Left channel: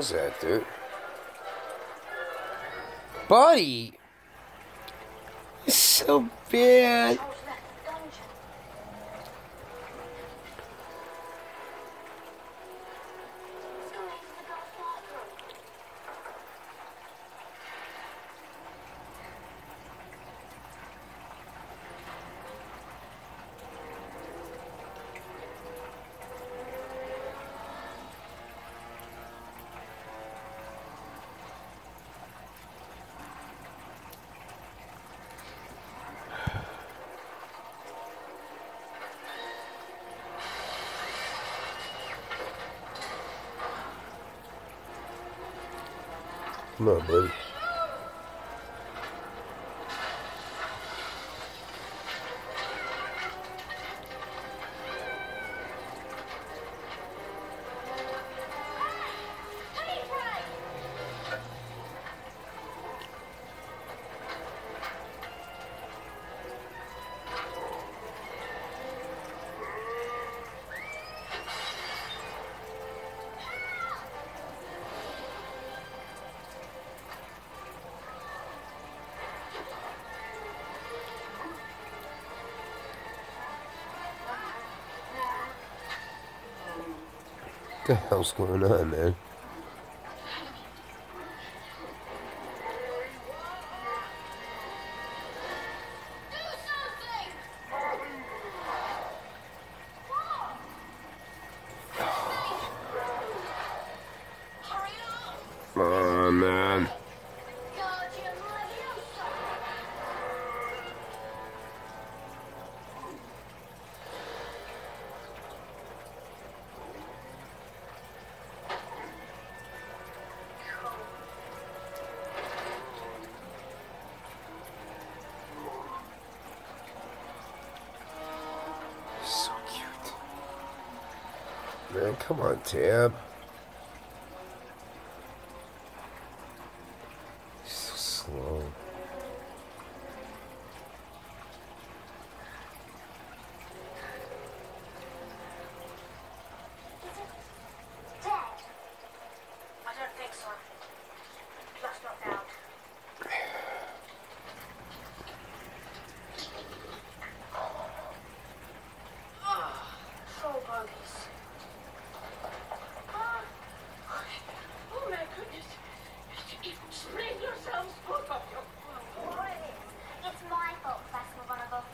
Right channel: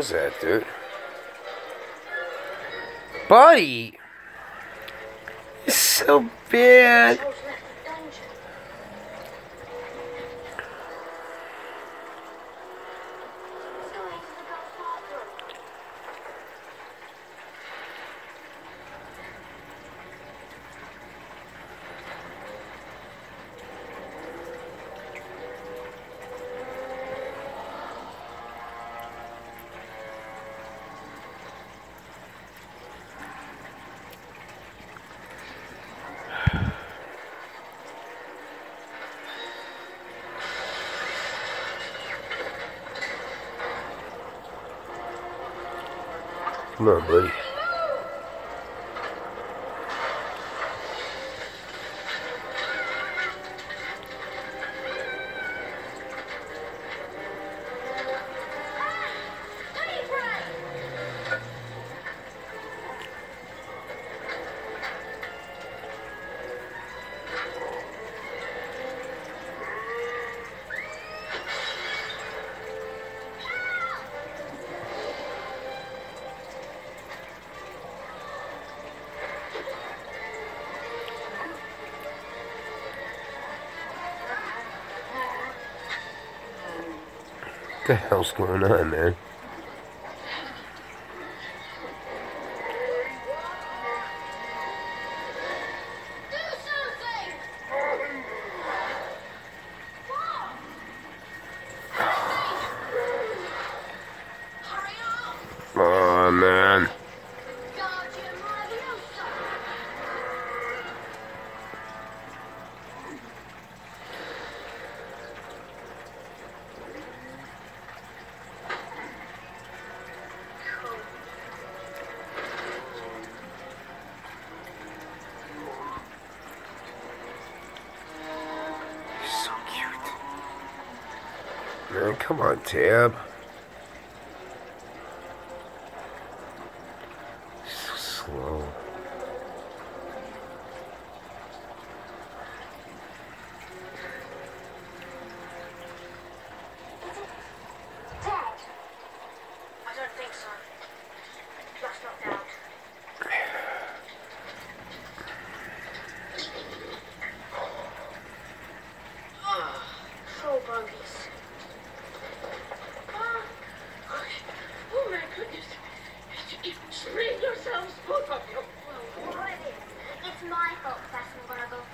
was that, dude? Buddy! It's so bad. Come on, buddy. What the hell's going on, man? Oh, man. So cute. Man, come on, Tab. So slow. Dead? I don't think so. Just knocked out. Troll bogies. Oh my goodness. Explain yourselves, both of you. Well, what it is, it's my fault, Professor McGonagall.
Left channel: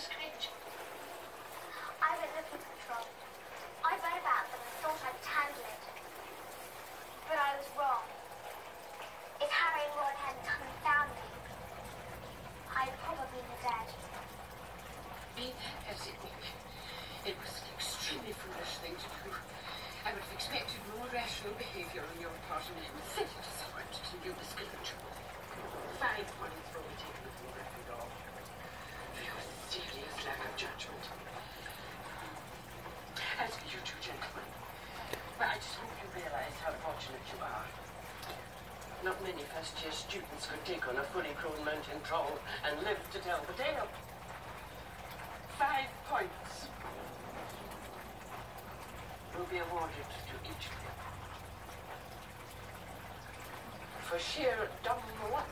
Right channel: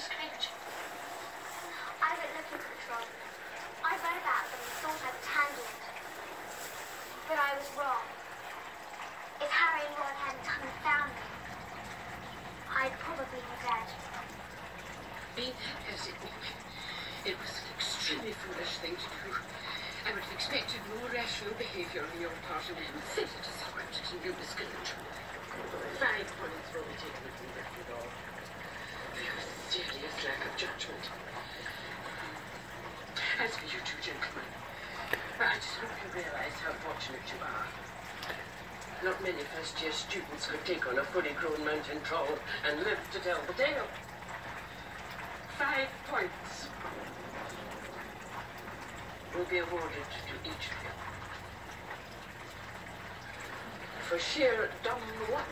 Screech. I went looking for the troll. I read about them and thought I'd handle it. But I was wrong. If Harry and Ron hadn't come and found me, I'd probably be dead. Be that as it may, it was an extremely foolish thing to do. I would have expected no rational behaviour on your part in an inflated secret to new discourage. 5 points for taking from Gryffindor. Very serious lack of judgment. As for you two gentlemen, I just hope you realise how fortunate you are. Not many first-year students could take on a fully grown mountain troll and live to tell the tale. 5 points will be awarded to each of you for sheer dumb luck.